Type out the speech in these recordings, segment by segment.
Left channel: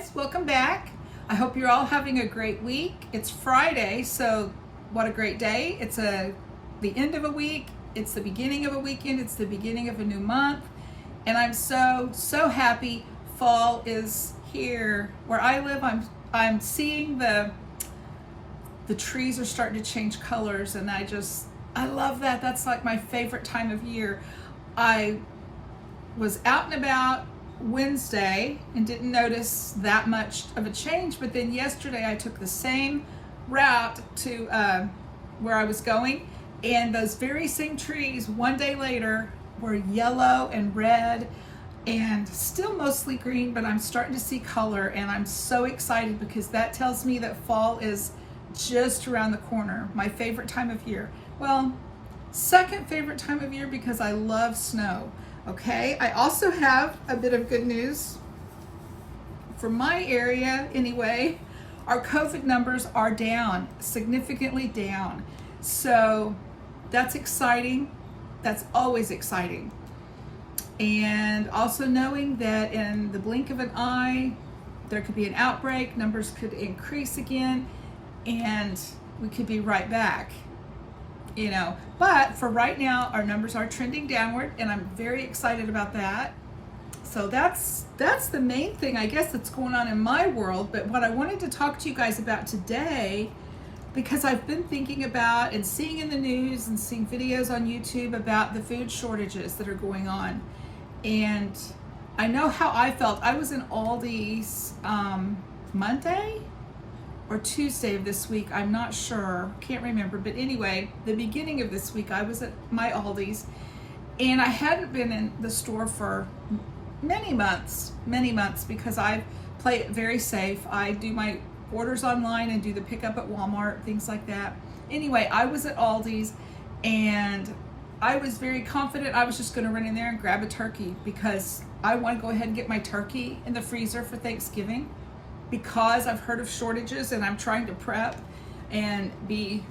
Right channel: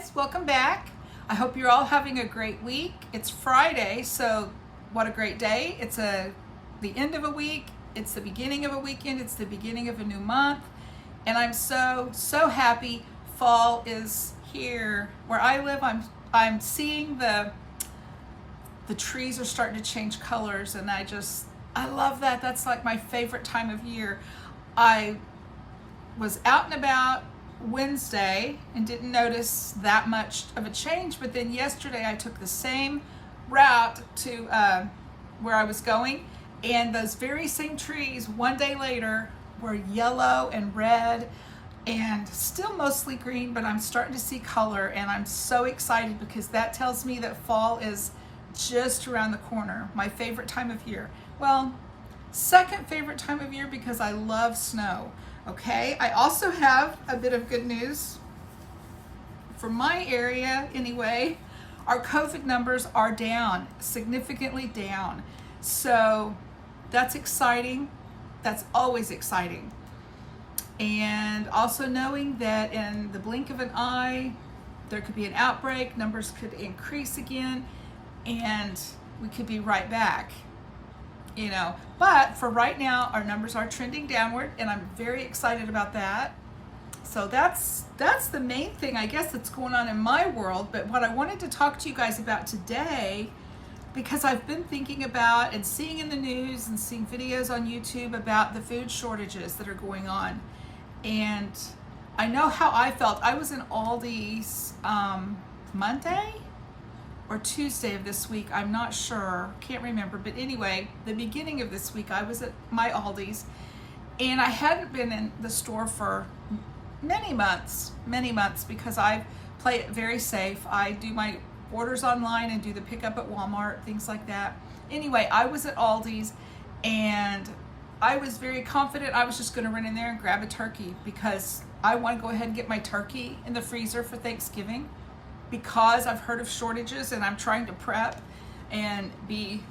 guys, welcome back. I hope you're all having a great week. It's Friday, so what a great day. It's the end of a week, it's the beginning of a weekend, it's the beginning of a new month, and I'm so happy fall is here. Where I live, I'm seeing the trees are starting to change colors, and I love that. That's like my favorite time of year. I was out and about Wednesday and didn't notice that much of a change, but then yesterday I took the same route to where I was going, and those very same trees one day later were yellow and red and still mostly green, but I'm starting to see color, and I'm so excited because that tells me that fall is just around the corner. My favorite time of year. Well, second favorite time of year because I love snow. Okay, I also have a bit of good news. For my area, anyway, our COVID numbers are down, significantly down. So that's exciting. That's always exciting. And also knowing that in the blink of an eye, there could be an outbreak, numbers could increase again, and we could be right back. But for right now, our numbers are trending downward, and I'm very excited about that. So that's the main thing, I guess, that's going on in my world. But what I wanted to talk to you guys about today, because I've been thinking about and seeing in the news and seeing videos on YouTube about the food shortages that are going on. And I know how I felt. I was in Aldi's Monday or Tuesday of this week, I'm not sure, can't remember, but anyway, the beginning of this week I was at my Aldi's, and I hadn't been in the store for many months because I play it very safe. I do my orders online and do the pickup at Walmart, things like that. Anyway, I was at Aldi's, and I was very confident I was just gonna run in there and grab a turkey because I want to go ahead and get my turkey in the freezer for Thanksgiving, because I've heard of shortages and I'm trying to prep and be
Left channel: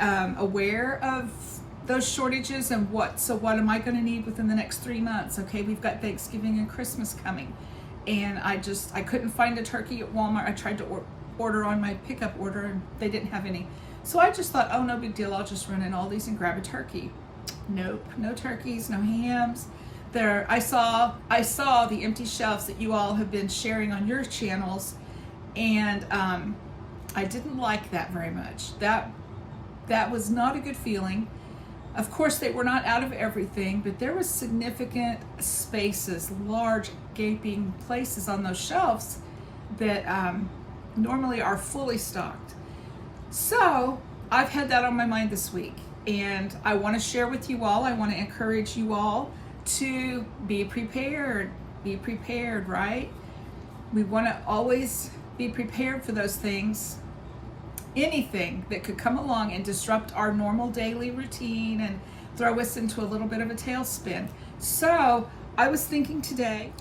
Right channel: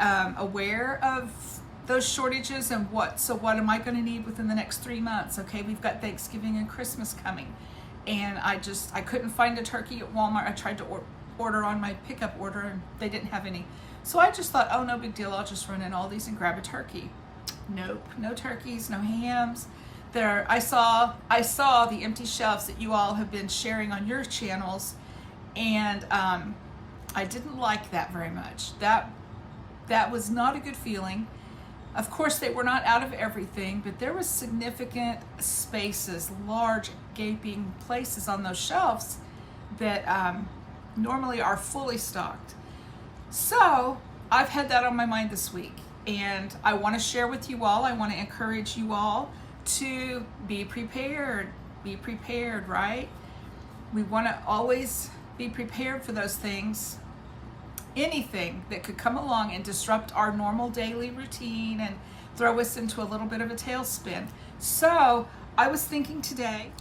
aware of those shortages and what am I going to need within the next 3 months. Okay, we've got Thanksgiving and Christmas coming, and I couldn't find a turkey at Walmart. I tried to order on my pickup order and they didn't have any, so I just thought, oh, no big deal, I'll just run in Aldi's and grab a turkey. Nope, no turkeys, no hams. There, I saw the empty shelves that you all have been sharing on your channels, and I didn't like that very much. That was not a good feeling. Of course, they were not out of everything, but there was significant spaces, large gaping places on those shelves that normally are fully stocked. So I've had that on my mind this week, and I want to share with you all. I want to encourage you all to be prepared, right? We want to always be prepared for those things, anything that could come along and disrupt our normal daily routine and throw us into a little bit of a tailspin. So I was thinking today,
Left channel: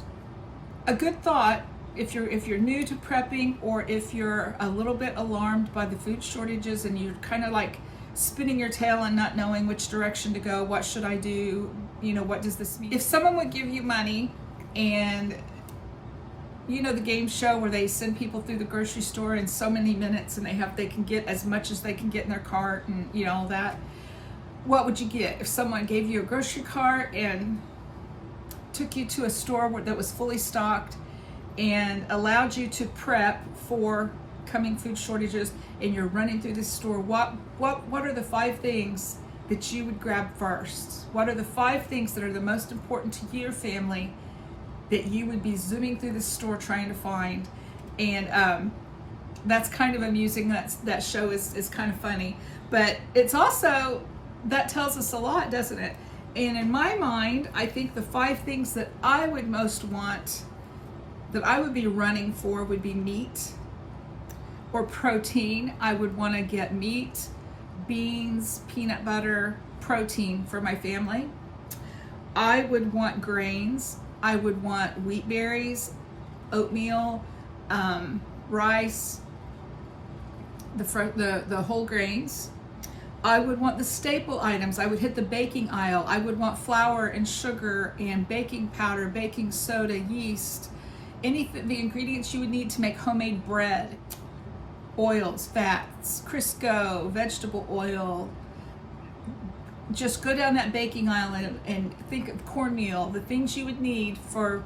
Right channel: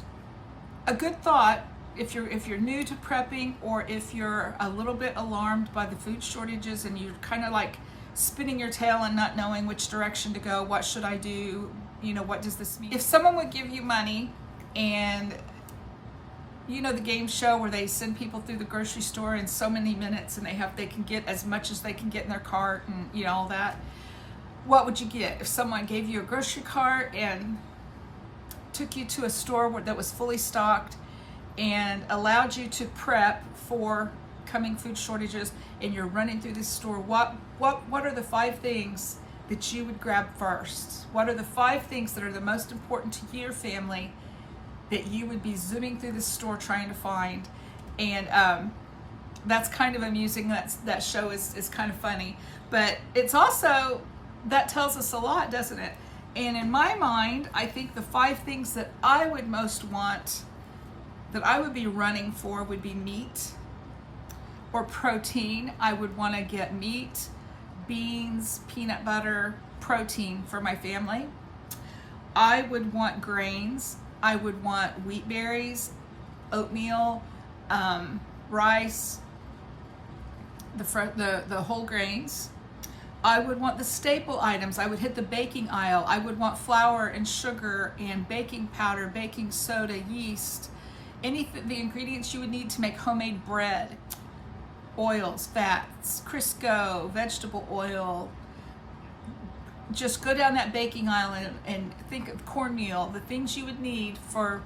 a good thought, if you're new to prepping, or if you're a little bit alarmed by the food shortages and you're kind of like spinning your tail and not knowing which direction to go, what should I do? What does this mean? If someone would give you money, and the game show where they send people through the grocery store in so many minutes and they can get as much as they can get in their cart and all that, what would you get? If someone gave you a grocery cart and took you to a store that was fully stocked and allowed you to prep for coming food shortages, and you're running through this store, what are the 5 things that you would grab first? What are the 5 things that are the most important to your family that you would be zooming through the store trying to find? And that's kind of amusing. That show is kind of funny, but it's also, that tells us a lot, doesn't it? And in my mind, I think the 5 things that I would most want, that I would be running for, would be meat or protein. I would want to get meat, beans, peanut butter, protein for my family. I would want grains. I would want wheat berries, oatmeal, rice, the whole grains. I would want the staple items. I would hit the baking aisle. I would want flour and sugar and baking powder, baking soda, yeast, the ingredients you would need to make homemade bread, oils, fats, Crisco, vegetable oil. Just go down that baking aisle and think of cornmeal, the things you would need for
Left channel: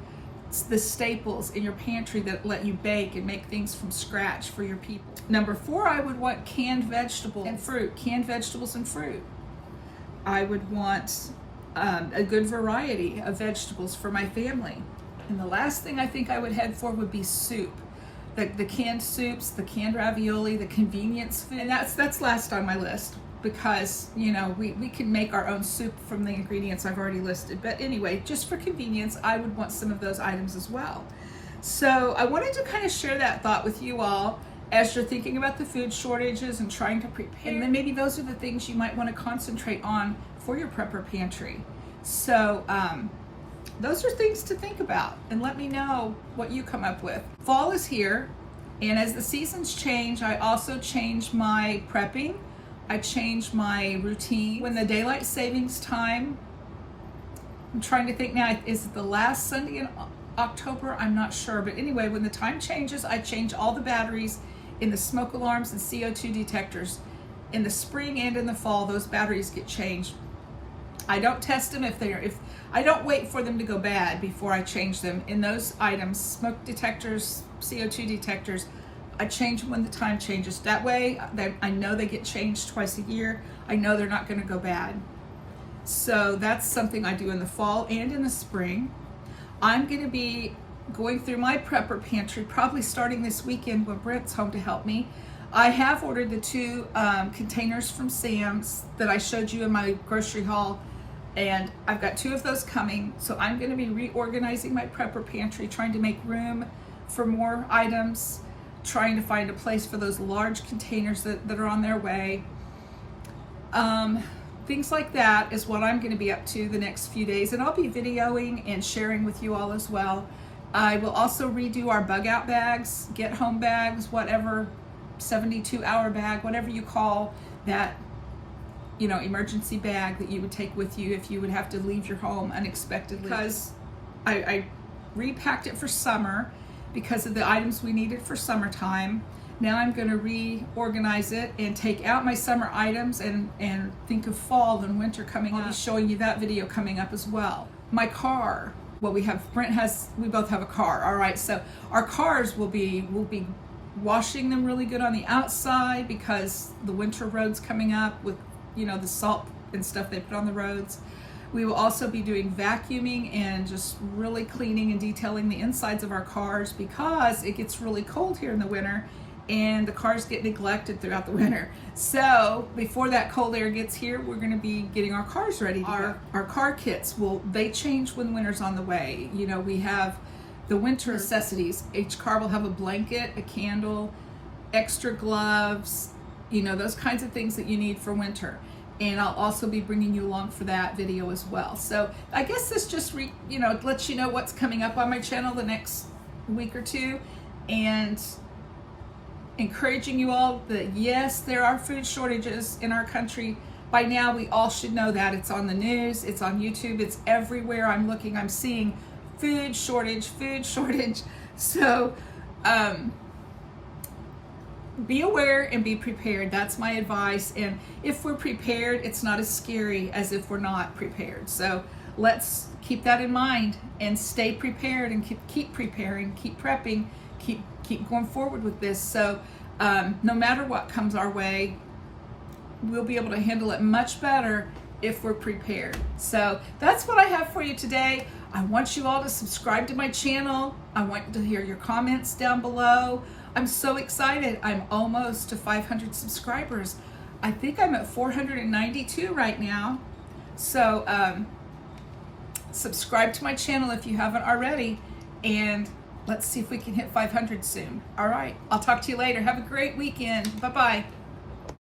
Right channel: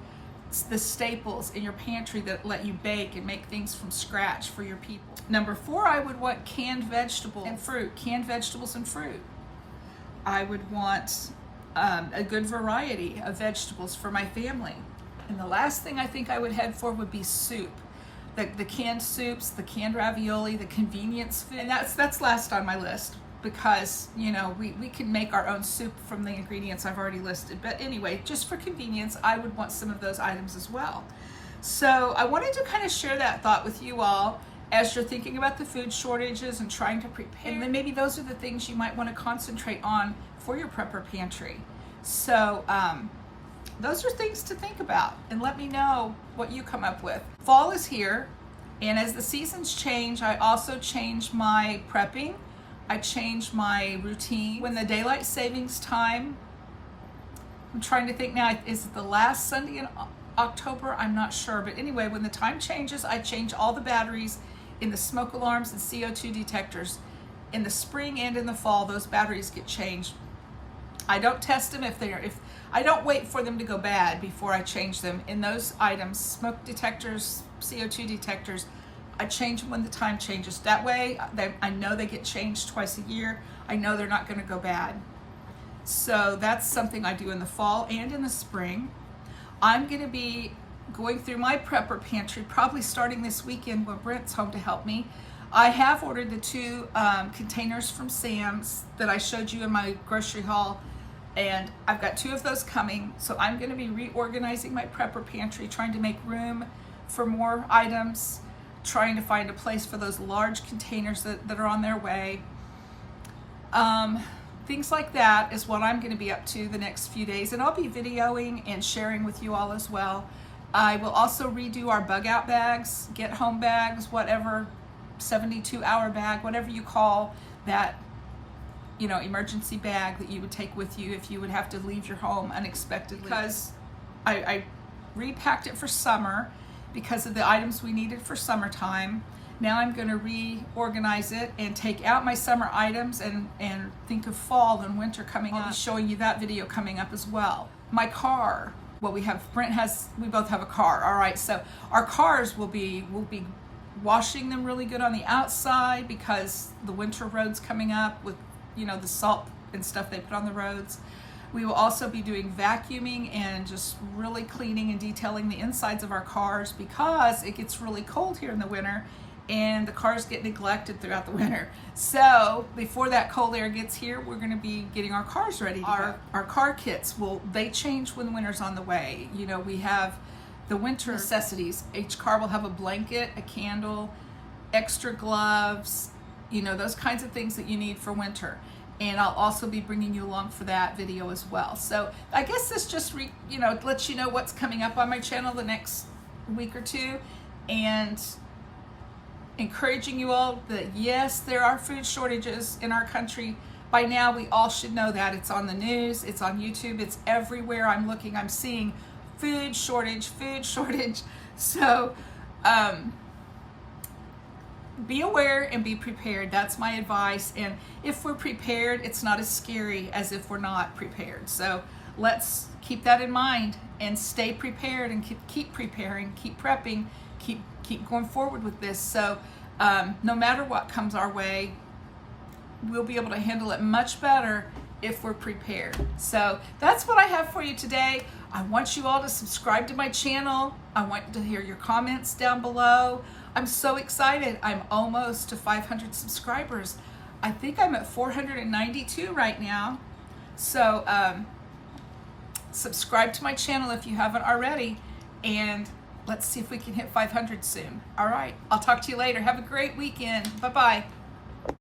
the staples in your pantry that let you bake and make things from scratch for your people. Number 4, I would want canned vegetables and fruit. Canned vegetables and fruit. I would want a good variety of vegetables for my family. And the last thing I think I would head for would be soup. The canned soups, the canned ravioli, the convenience food. And that's last on my list, because we can make our own soup from the ingredients I've already listed. But anyway, just for convenience, I would want some of those items as well. So I wanted to kind of share that thought with you all as you're thinking about the food shortages and trying to prepare. And then maybe those are the things you might want to concentrate on for your prepper pantry. So those are things to think about, and let me know what you come up with. Fall is here, and as the seasons change, I also change my prepping. I change my routine. When the daylight savings time, I'm trying to think now, is it the last Sunday in October? I'm not sure, but anyway, when the time changes, I change all the batteries in the smoke alarms and CO2 detectors. In the spring and in the fall, those batteries get changed. I don't test them if I don't wait for them to go bad before I change them. In those items, smoke detectors, CO2 detectors, I change them when the time changes. That way, I know they get changed twice a year. I know they're not going to go bad. So that's something I do in the fall and in the spring. I'm going to be going through my prepper pantry, probably starting this weekend when Brent's home to help me. I have ordered the 2 containers from Sam's that I showed you in my grocery haul, and I've got 2 of those coming. So I'm going to be reorganizing my prepper pantry, trying to make room for more items, trying to find a place for those large containers that are on their way. Things like that is what I'm going to be up to the next few days, and I'll be videoing and sharing with you all as well. I will also redo our bug out bags, get home bags, whatever, 72-hour bag, whatever you call that, emergency bag that you would take with you if you would have to leave your home unexpectedly. Because I repacked it for summer because of the items we needed for summertime. Now I'm going to reorganize it and take out my summer items and think of fall and winter coming up. I'll be showing you that video coming up as well. My car, we both have a car. All right, so our cars we'll be washing them really good on the outside because the winter roads coming up with, the salt and stuff they put on the roads. We will also be doing vacuuming and just really cleaning and detailing the insides of our cars because it gets really cold here in the winter and the cars get neglected throughout the winter. So before that cold air gets here, we're going to be getting our cars ready to go. Our car kits, they change when winter's on the way. We have the winter necessities. Each car will have a blanket, a candle, extra gloves, those kinds of things that you need for winter. And I'll also be bringing you along for that video as well. So I guess this just lets you know what's coming up on my channel the next week or two, and encouraging you all that yes, there are food shortages in our country. By now, we all should know that. It's on the news, it's on YouTube, it's everywhere I'm looking, I'm seeing food shortage. So be aware and be prepared. That's my advice. And if we're prepared, it's not as scary as if we're not prepared. So let's keep that in mind and stay prepared and keep preparing, keep prepping, keep going forward with this. So no matter what comes our way, we'll be able to handle it much better if we're prepared. So that's what I have for you today. I want you all to subscribe to my channel. I want to hear your comments down below. I'm so excited. I'm almost to 500 subscribers. I think I'm at 492 right now. So subscribe to my channel if you haven't already, and let's see if we can hit 500 soon. All right, I'll talk to you later. Have a great weekend. Bye-bye.